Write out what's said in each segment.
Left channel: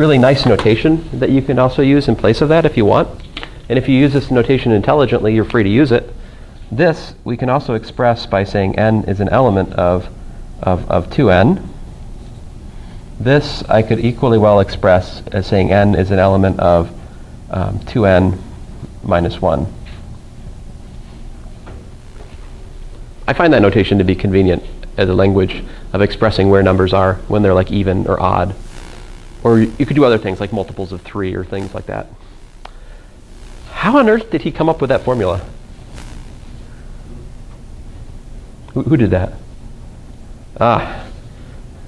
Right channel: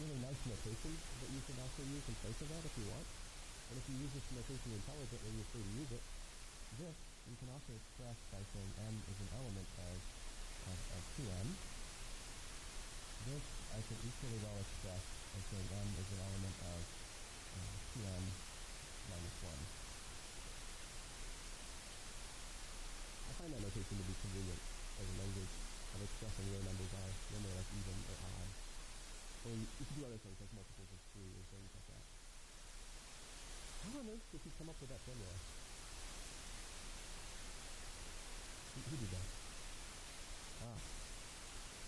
really nice notation that you can also use in place of that if you want. And if you use this notation intelligently, you're free to use it. This we can also express by saying n is an element of 2n. This I could equally well express as saying n is an element of 2n minus 1. I find that notation to be convenient as a language of expressing where numbers are when they're like even or odd. Or you could do other things like multiples of 3 or things like that. How on earth did he come up with that formula? Who did that? Ah,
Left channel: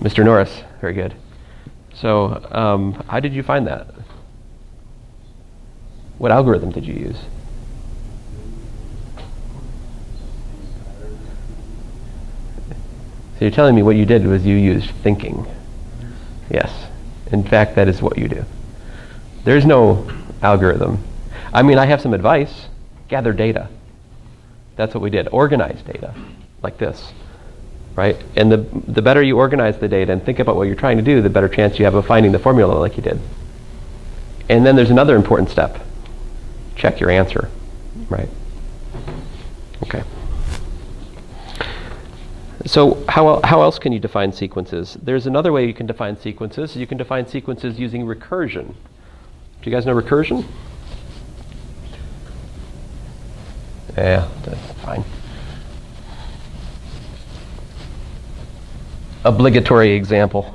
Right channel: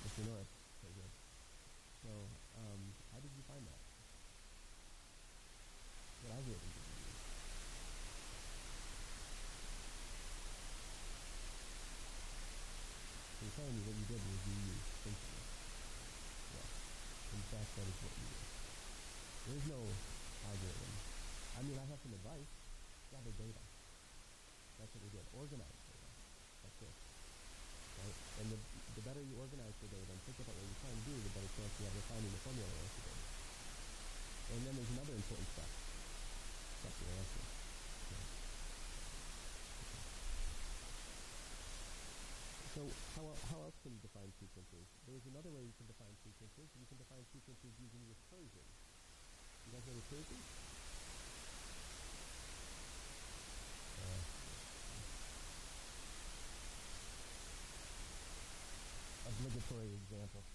Mr. Norris. Very good. So how did you find that? What algorithm did you use? So you're telling me what you did was you used thinking. Yes. In fact, that is what you do. There's no algorithm. I mean, I have some advice. Gather data. That's what we did. Organize data like this, right? And the better you organize the data and think about what you're trying to do, the better chance you have of finding the formula like you did. And then there's another important step. Check your answer, right? Okay. So how else can you define sequences? There's another way you can define sequences. You can define sequences using recursion. Do you guys know recursion? Yeah, that's fine. Obligatory example.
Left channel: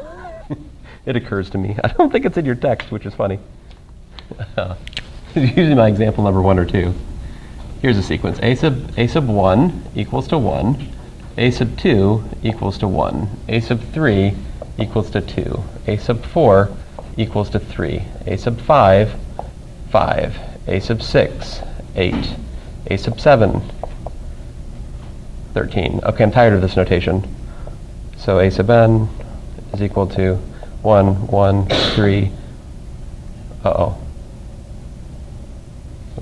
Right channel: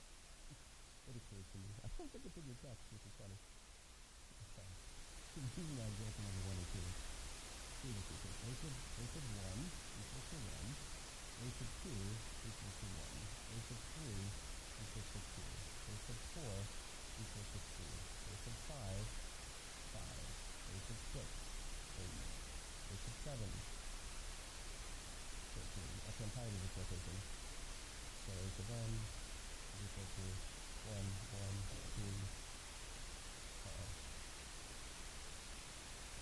It occurs to me. I don't think it's in your text, which is funny. It's usually my example number 1 or 2. Here's a sequence. A sub 1 equals to 1. A sub 2 equals to 1. A sub 3 equals to 2. A sub 4 equals to 3. A sub 5, 5. A sub 6, 8. A sub 7, 13. Okay, I'm tired of this notation. So a sub n is equal to 1, 1, 3. I'm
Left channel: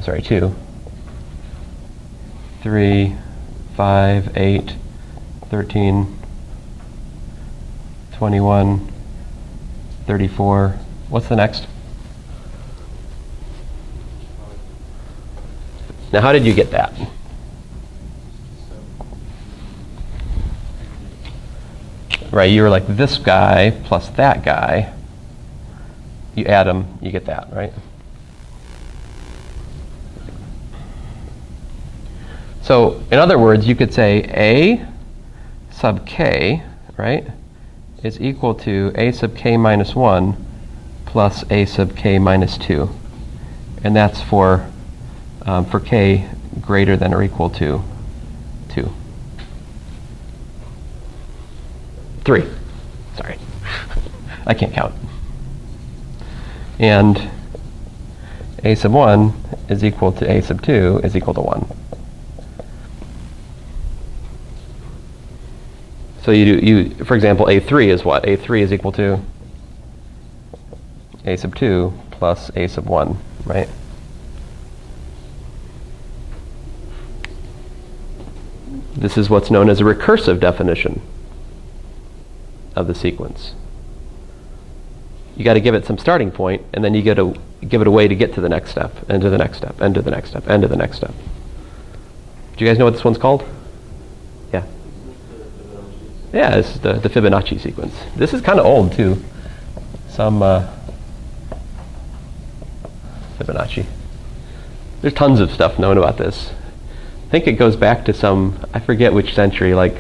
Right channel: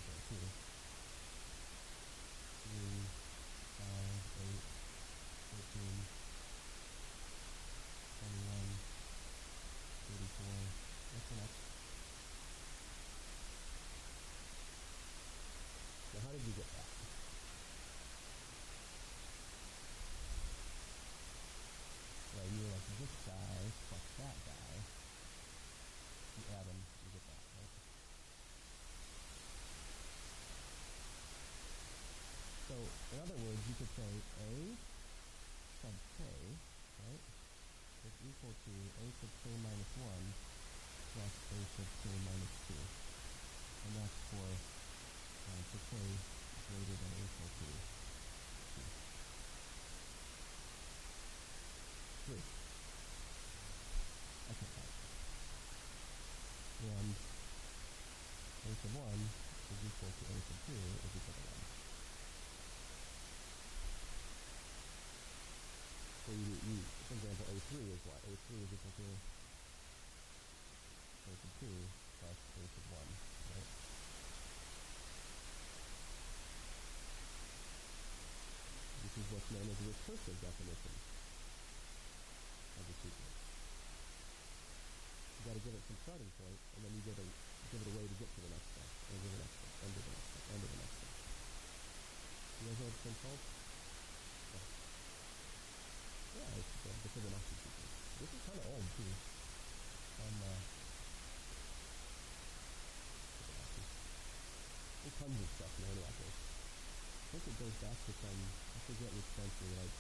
sorry, 2. 3, 5, 8. 13, 21, 34. What's the next? Now, how did you get that? Right, you were like this guy plus that guy. You add them, you get that, right? So, in other words, you could say A sub k, right, is equal to a sub k minus 1 plus a sub k minus 2. And that's for k greater than or equal to 2. 3. Sorry. I can't count. And a sub 1 is equal to a sub 2 is equal to 1. So for example, A3 is what? A3 is equal to A sub 2 plus A sub 1, right? This is what's known as a recursive definition of the sequence. You got to give it some starting point, and then you got to give it a way to get to the next step, and to the next step, and to the next step, and to the next step. Do you guys know what this one's called? Yeah. Yeah, it's the Fibonacci sequence. This is kind of old, too. Some Fibonacci. There's tons of stuff known about this. I think it goes back to some, I forget which century, like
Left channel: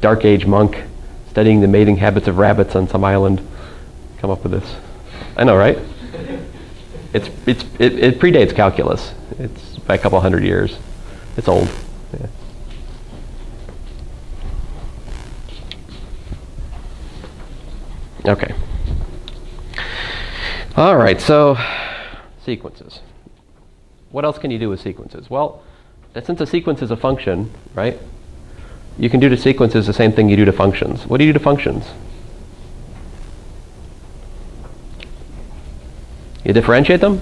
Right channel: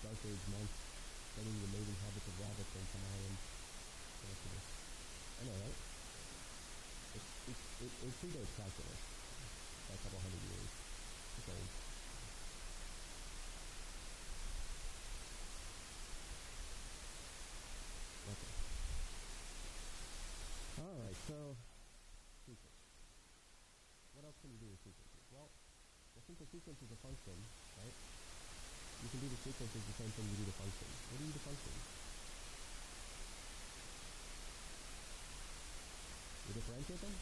Dark Age monk studying the mating habits of rabbits on some island. Come up with this. I know, right? It predates calculus. It's by a couple hundred years. It's old. Yeah. Okay. All right, so sequences. What else can you do with sequences? Well, since a sequence is a function, right, you can do to sequences the same thing you do to functions. What do you do to functions? You differentiate them?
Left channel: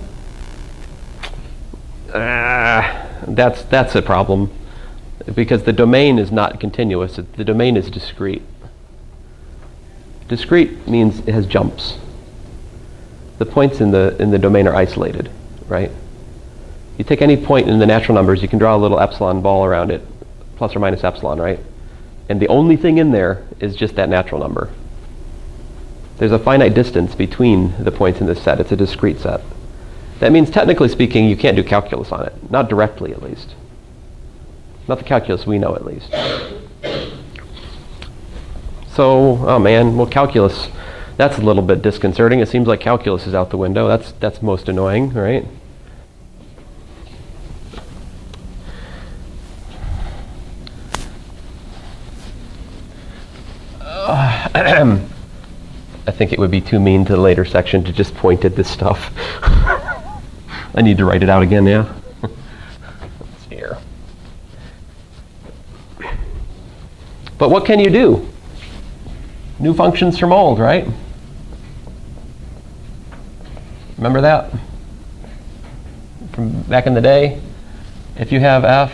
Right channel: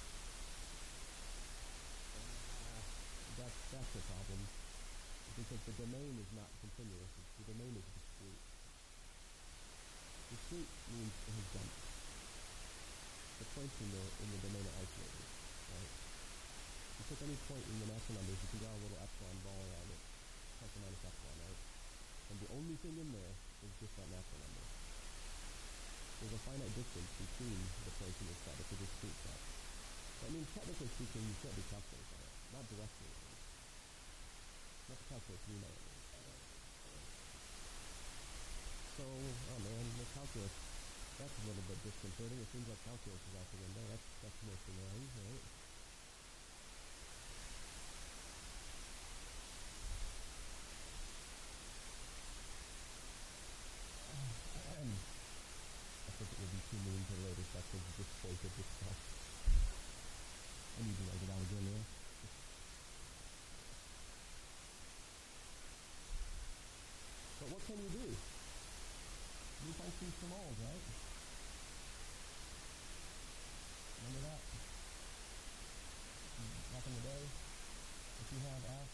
That's a problem, because the domain is not continuous. The domain is discrete. Discrete means it has jumps. the points in the domain are isolated, right? You take any point in the natural numbers, you can draw a little epsilon ball around it, plus or minus epsilon, right? And the only thing in there is just that natural number. There's a finite distance between the points in this set. It's a discrete set. That means, technically speaking, you can't do calculus on it. Not directly, at least. Not the calculus we know, at least. So, oh man, well, calculus, that's a little bit disconcerting. It seems like calculus is out the window. That's most annoying, right? I think it would be too mean to the later section to just point at this stuff. I need to write it out again, yeah? Let's see here. But what can you do? New functions from old, right? Remember that? From back in the day? If you have f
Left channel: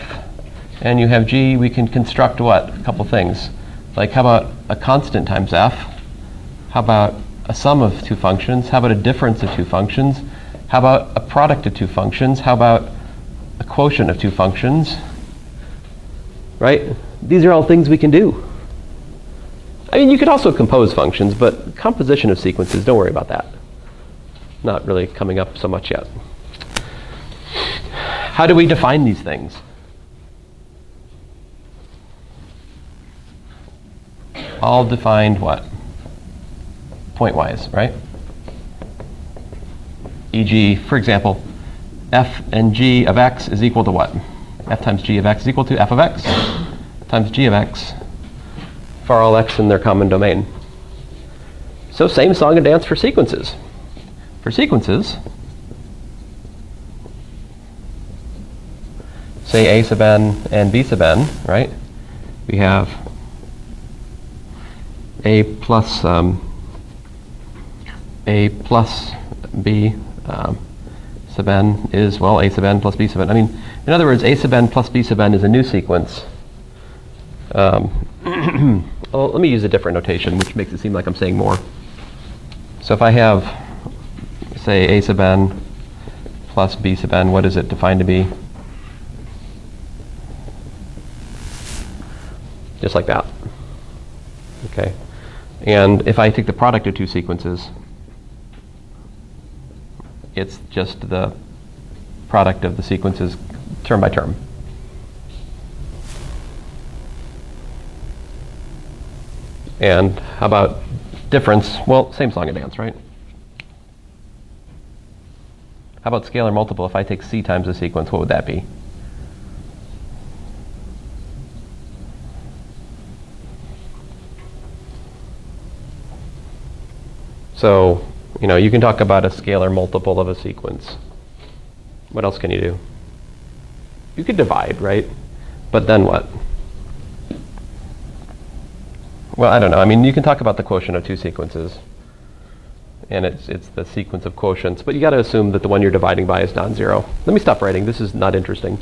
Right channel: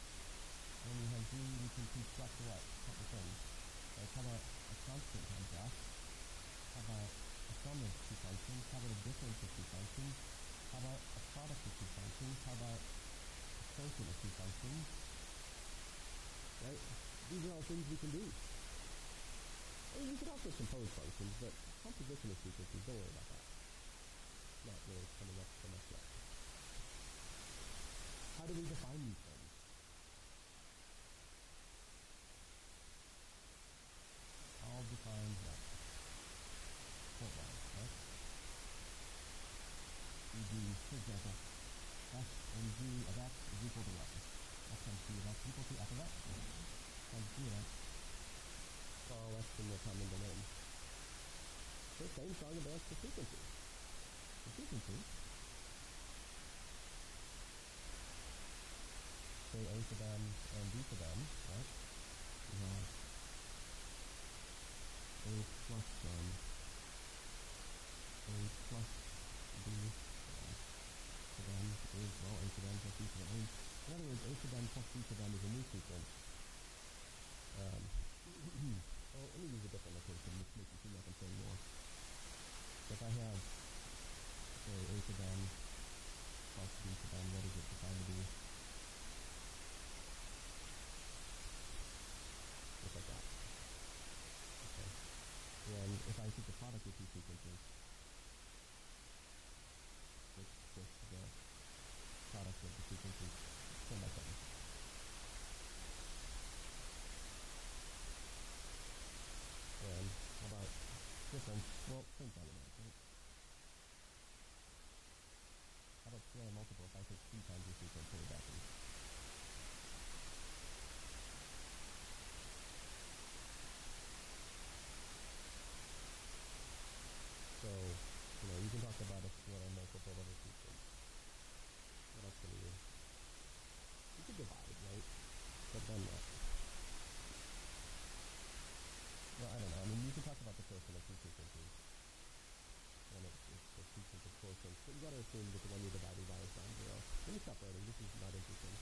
and you have g, we can construct what? A couple things. Like, how about a constant times f? How about a sum of two functions? How about a difference of two functions? How about a product of two functions? How about a quotient of two functions? Right? These are all things we can do. I mean, you could also compose functions, but composition of sequences, don't worry about that. Not really coming up so much yet. How do we define these things? All defined what? Pointwise, right? E.g., for example, f and g of x is equal to what? F times g of x is equal to f of x times g of x for all x in their common domain. So same song and dance for sequences. For sequences, say a sub n and b sub n, right? We have a plus b sub n is, well, a sub n plus b sub n. I mean, in other words, a sub n plus b sub n is a new sequence. Well, let me use a different notation, which makes it seem like I'm saying more. So if I have, say, a sub n plus b sub n, what is it defined to be? Just like that. Okay. And if I take the product of two sequences, it's just the product of the sequences term by term. And how about difference? Well, same song and dance, right? How about scalar multiple? If I take c times the sequence, what would that be? So, you can talk about a scalar multiple of a sequence. What else can you do? You could divide, right? But then what? Well, I don't know. I mean, you can talk about the quotient of two sequences. And it's the sequence of quotients. But you got to assume that the one you're dividing by is non-zero. Let me stop writing. This is not interesting.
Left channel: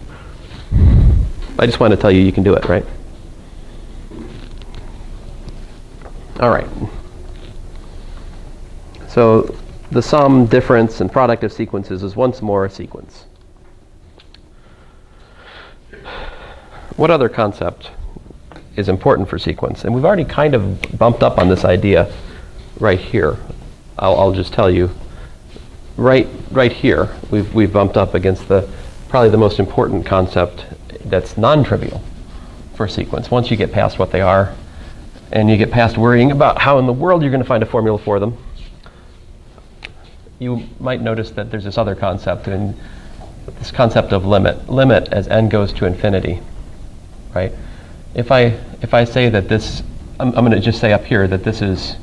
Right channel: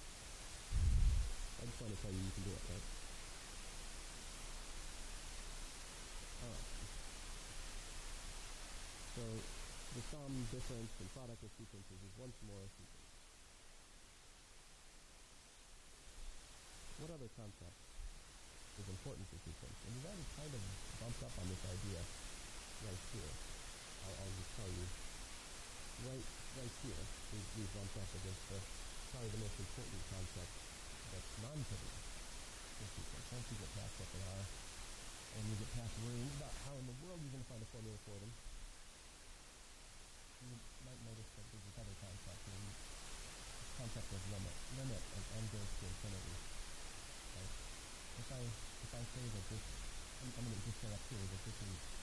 I just want to tell you you can do it, right? All right. So the sum, difference, and product of sequences is once more a sequence. What other concept is important for sequence? And we've already kind of bumped up on this idea right here. I'll just tell you. Right here, we've bumped up against probably the most important concept that's non-trivial for a sequence. Once you get past what they are, and you get past worrying about how in the world you're going to find a formula for them, you might notice that there's this other concept, and this concept of limit. Limit as n goes to infinity, right? If I say that this, I'm going to just say up here that this is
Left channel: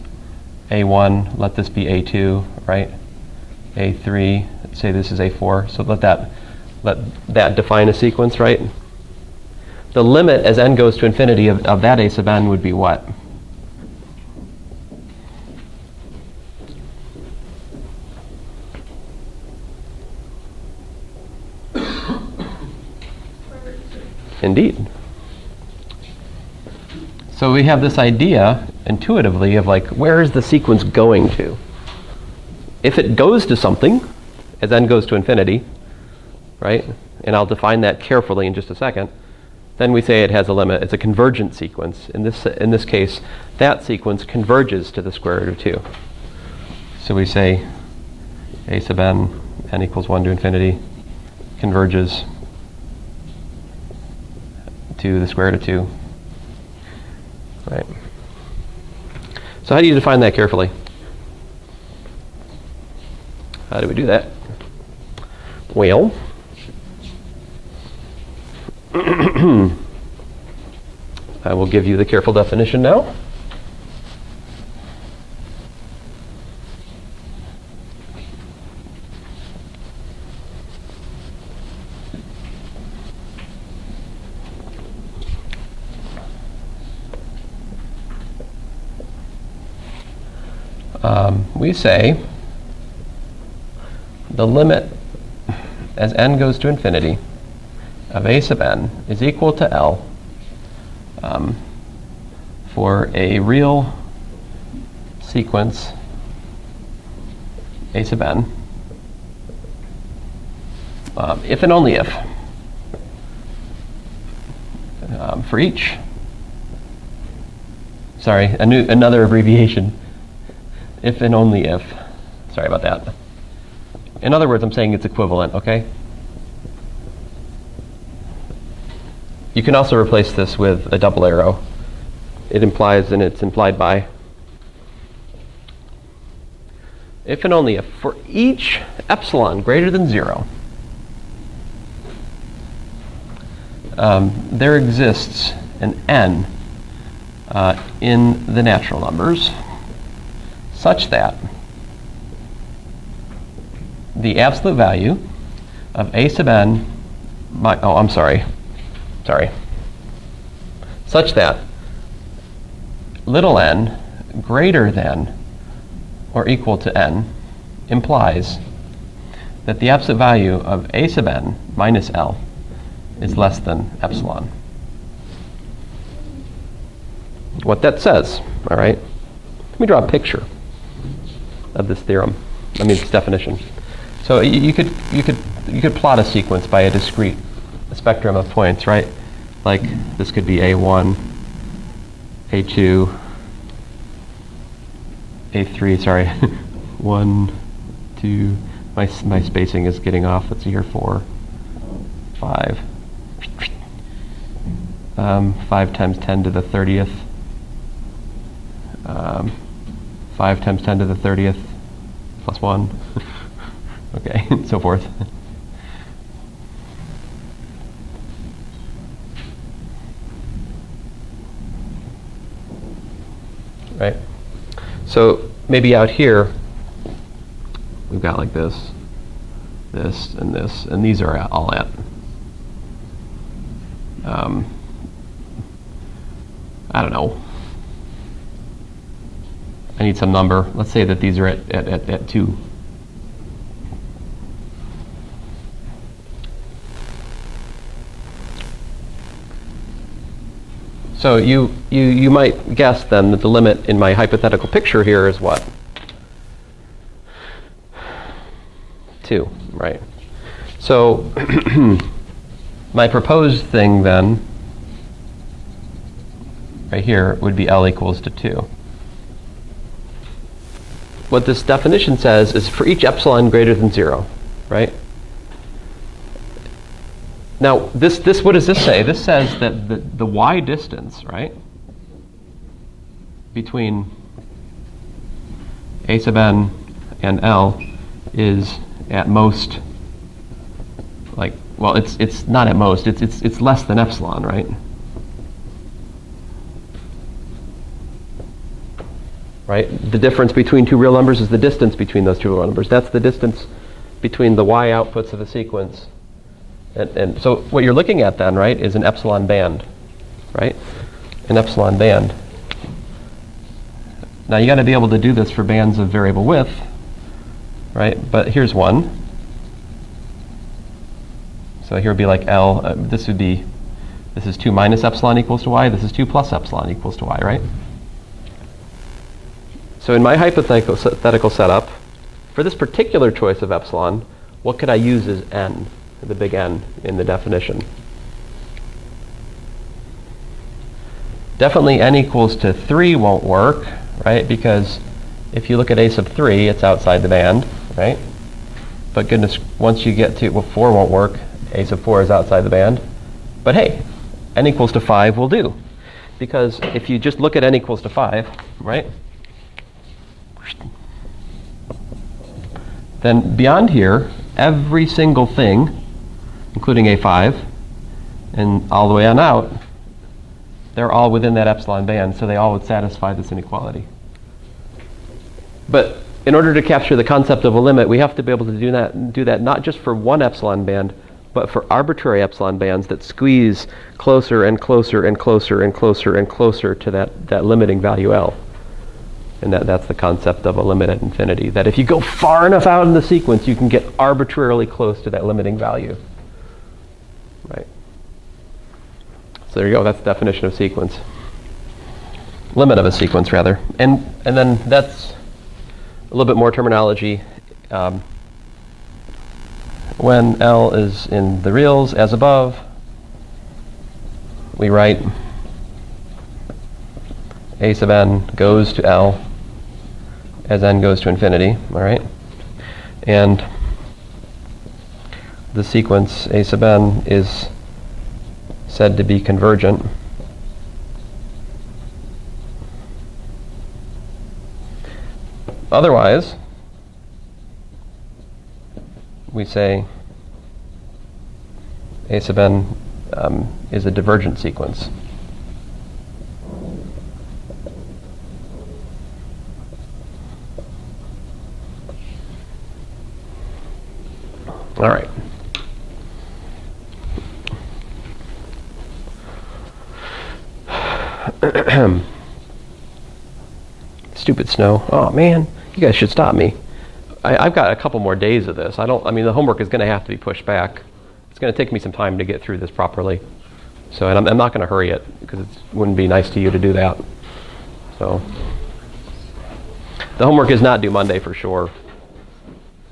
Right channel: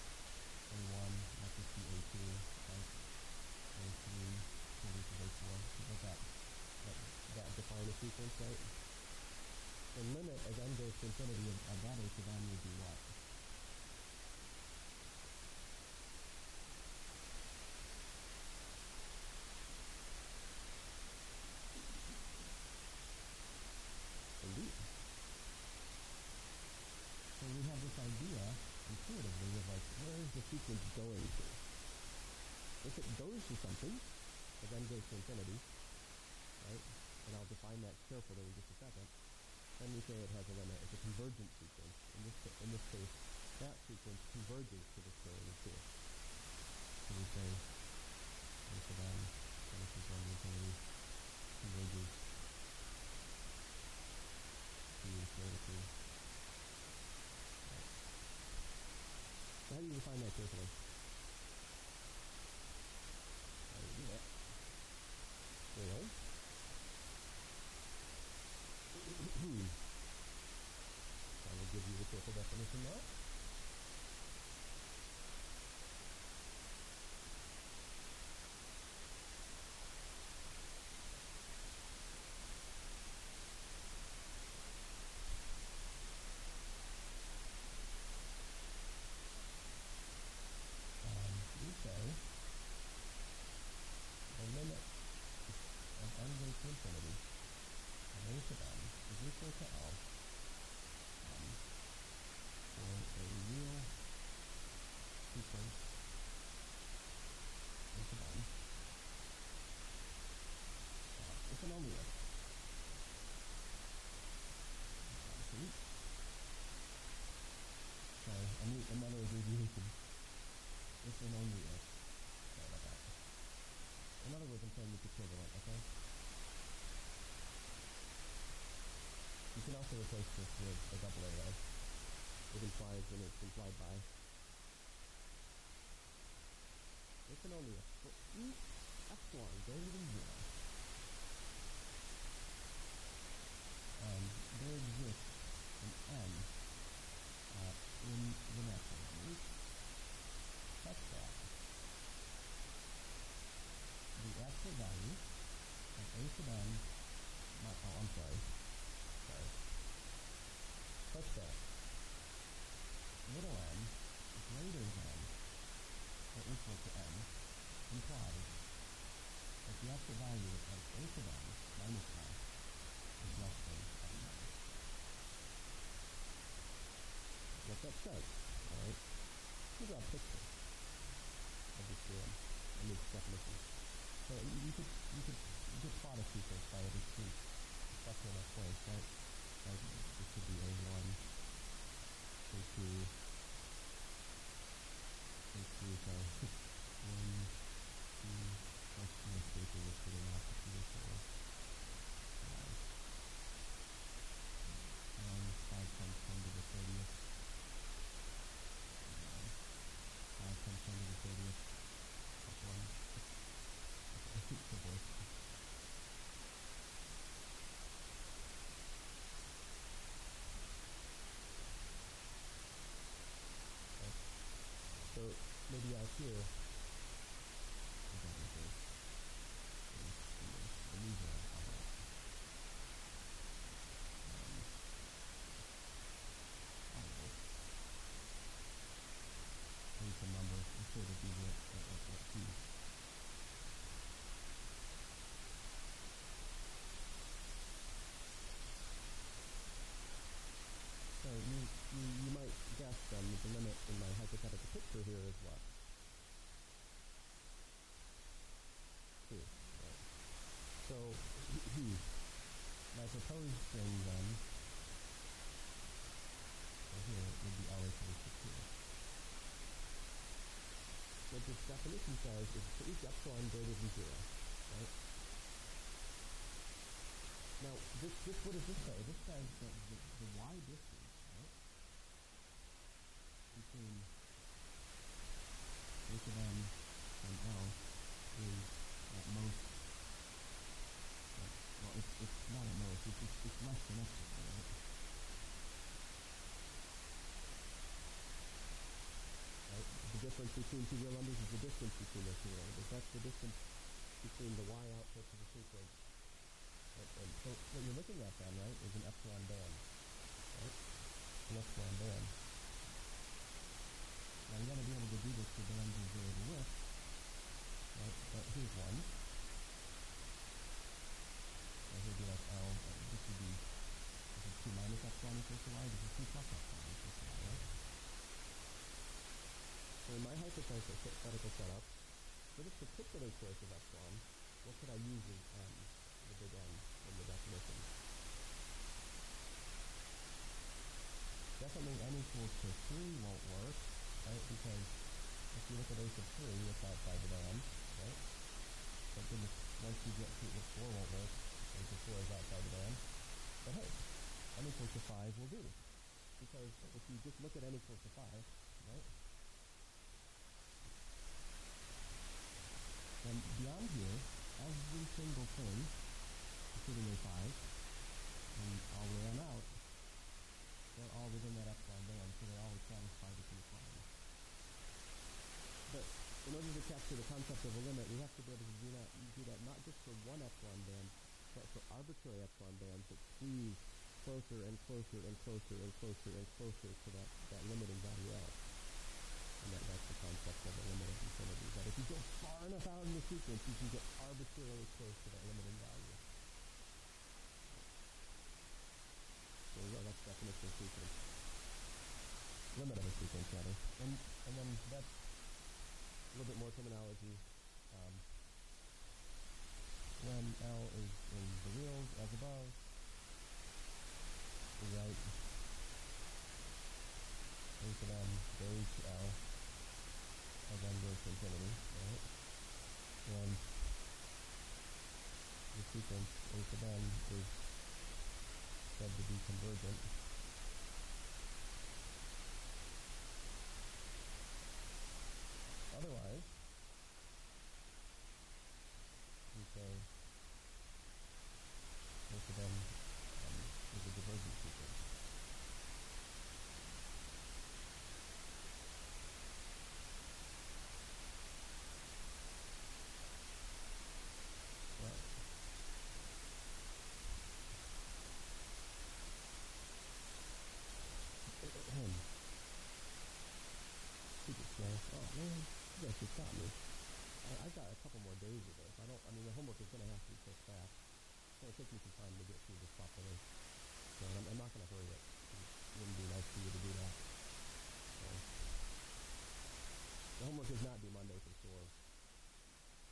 a1, let this be a2, right? a3, say this is a4. So let that define a sequence, right? The limit as n goes to infinity of that a sub n would be what? Indeed. So we have this idea intuitively of like, where is the sequence going to? If it goes to something, as n goes to infinity, right? And I'll define that carefully in just a second. Then we say it has a limit. It's a convergent sequence. In this case, that sequence converges to the square root of 2. So we say a sub n equals 1 to infinity, converges to the square root of 2. Right. So how do you define that carefully? How do we do that? Well, I will give you the careful definition now. We say the limit as n goes to infinity of a sub n is equal to L for a real sequence a sub n if and only if for each, another abbreviation, if and only if, sorry about that. In other words, I'm saying it's equivalent, okay? You can also replace this with a double arrow. It implies, and it's implied by, if and only if for each epsilon greater than 0, there exists an n in the natural numbers such that the absolute value of a sub n, such that little n greater than or equal to n implies that the absolute value of a sub n minus L is less than epsilon. What that says, all right? Let me draw a picture of this theorem. This definition. So you could plot a sequence by a discrete spectrum of points, right? Like this could be A1, A2, A3. Sorry, 1, 2. My spacing is getting off. Let's see here. 4, 5. 5 times 10 to the 30th. 5 times 10 to the 30th plus 1. Okay, and so forth. Right? So maybe out here, we've got like this, and these are all at. I don't know. I need some number. Let's say that these are at 2. So you might guess then that the limit in my hypothetical picture here is what? 2, right? So my proposed thing then, right here, would be L equals to 2. What this definition says is for each epsilon greater than 0, right? Now, what does this say? This says that the y distance, right, between a sub n and L is at most, it's not at most, it's less than epsilon, right? Right? The difference between two real numbers is the distance between those two real numbers. That's the distance between the y outputs of the sequence. And so what you're looking at then, right, is an epsilon band, right? An epsilon band. Now you got to be able to do this for bands of variable width, right? But here's one. So here would be like L. This is 2 minus epsilon equals to y. This is 2 plus epsilon equals to y, right? So in my hypothetical setup, For this particular choice of epsilon, what could I use as n, the big N, in the definition? Definitely n equals to 3 won't work, right? Because if you look at a sub 3, it's outside the band, right? But goodness, once you get to, well, 4 won't work. A sub 4 is outside the band. But hey, n equals to 5 will do. Because if you just look at n equals to 5, right? Then beyond here, every single thing, including A5, and all the way on out, they're all within that epsilon band, so they all would satisfy this inequality. But in order to capture the concept of a limit, we have to be able to do that not just for one epsilon band, but for arbitrary epsilon bands that squeeze closer and closer and closer and closer and closer to that limiting value L. And that's the concept of a limit at infinity, that if you go far enough out in the sequence, you can get arbitrarily close to that limiting value. Right? So there you go, that's the definition of sequence. Limit of a sequence, rather. And then that's a little bit more terminology. When L is in the reals, as above, we write a sub n goes to L as n goes to infinity, all right? And the sequence a sub n is said to be convergent. Otherwise, we say a sub n is a divergent sequence. All right. Stupid snow. Oh man, you guys should stop me. I've got a couple more days of this. I mean, the homework is going to have to be pushed back. It's going to take me some time to get through this properly. So, and I'm not going to hurry it because it wouldn't be nice to you to do that. So, the homework is not due Monday for sure.